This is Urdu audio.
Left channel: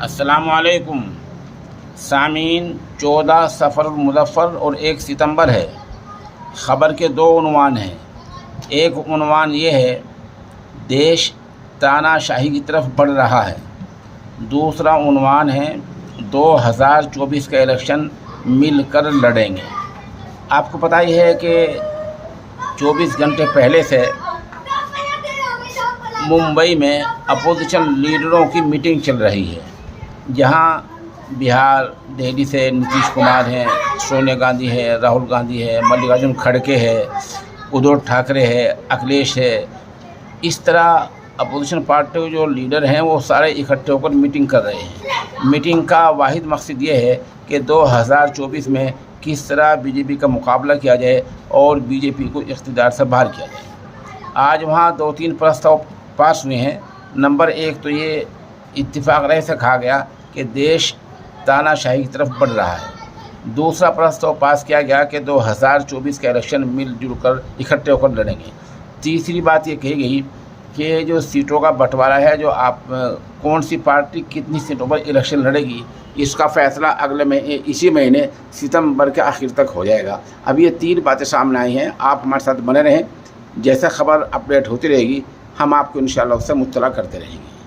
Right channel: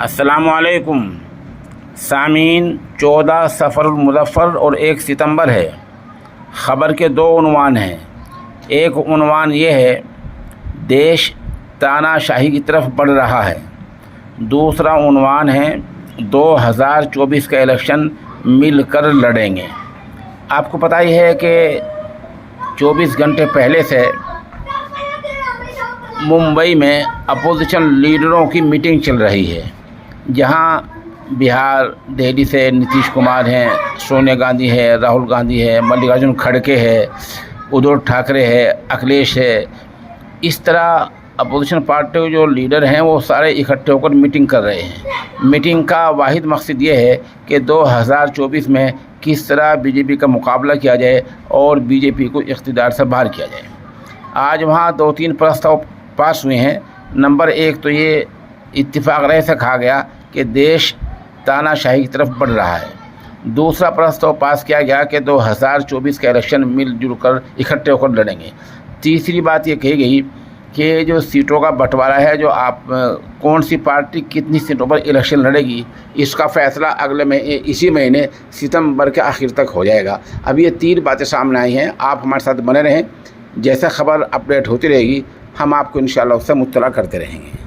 السلام علیکم سامعین، 14 سفر المظفر اور 1 ستمبر ہے۔ خبر کے 2 عنوان ہیں۔ ایک عنوان یہ ہے، دیش تانا شاہی کی طرف بڑھ رہا ہے۔ دوسرا عنوان ہے، 2024 کا الیکشن مل کر لڑیں گے۔ آپ کو پتہ ہی ہے کہ 24 گھنٹے پہلے سے ممبئی میں اپوزیشن لیڈروں کی میٹنگ چل رہی ہے، جہاں بہار، دہلی سے نتیش کمار ہیں، سونیا گاندھی ہے، راہل گاندھی ہے، ملکارجن کھڑگے ہے، ادھو ٹھاکرے ہے، اکھلیش ہے۔ اس طرح اپوزیشن پارٹی کے جو لیڈر ہیں وہ سارے اکٹھے ہو کر میٹنگ کر رہے ہیں۔ میٹنگ کا واحد مقصد یہ ہے کہ 2024 میں کس طرح بی جے پی کا مقابلہ کیا جائے اور بی جے پی کو اقتدار سے باہر کیا جائے۔ آج وہاں 2-3 پرستاؤ پاس ہوئے ہیں۔ نمبر 1 تو یہ اتفاق رائے سے کہا گیا کہ دیش تانا شاہی کی طرف بڑھ رہا ہے۔ دوسرا پرستاؤ پاس کیا گیا کہ 2024 کا الیکشن مل جل کر اکٹھے ہو کر لڑیں گے۔ تیسری بات یہ کہی گئی کہ جو سیٹوں کا بنٹوارا ہے، جو کون سی پارٹی کتنی سیٹوں پر الیکشن لڑے گی، اس کا فیصلہ اسی مہینے ستمبر کے آخر تک ہو جائے گا۔ اب یہ 3 باتیں سامنے آئی ہیں۔ آپ ہمارے ساتھ بنے رہیں، جیسے خبر اپڈیٹ ہوتی رہے گی ہم آپ کو انشاءاللہ اس سے مطلع کرتے رہیں گے۔